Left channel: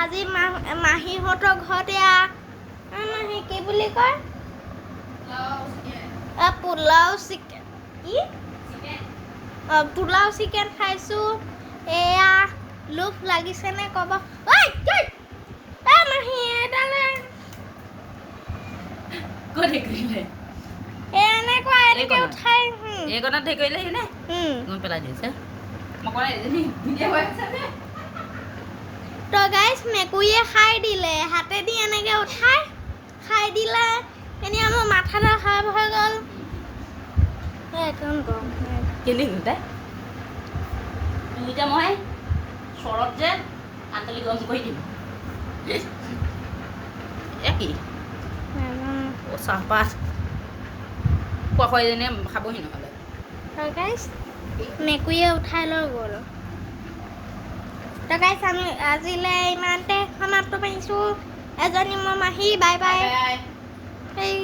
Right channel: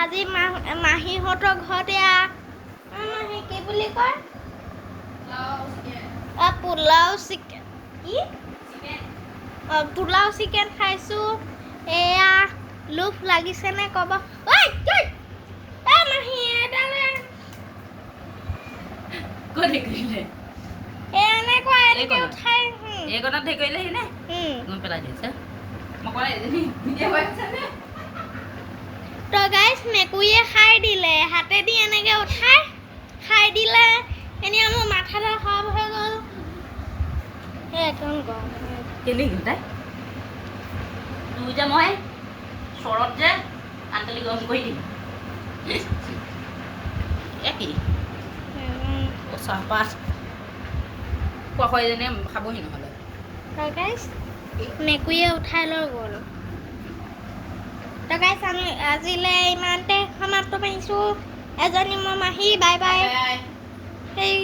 আজি মাহীহঁতৰ ঘৰত এয়া কি বুলি কয় পোলাও চিকেন কি পোলাও চিকেন খাইছোঁ এয়া লোভ লাগিছেনে ক'ব মাহী এডালে এনেকুৱা এনেকৈ উঠাই এইকণত হেৰি কৰিলে নে পেলাই দিছে তো গাইজ মেকুৰীয়ে খাই দিলে হাতেদি এনেকৈ উঠাই খাই দিলে এনেই মোৰ মাথাটো খাপ হৈ গ'ল একদম গৰম কেলি তাই তুই যে মই চৰত যে আনকালি গৰম কৰি দিম কি চাহপাত খোৱা খাবহি নহ'লে গাইজ মেকুৰীয়ে উঠাই লৈ গ'ল তো গাইজ আমি আজিলৈ ইমানতে সমাপ্ত কৰিছোঁ এজনী মোৰ মাহী বাই বাই সেই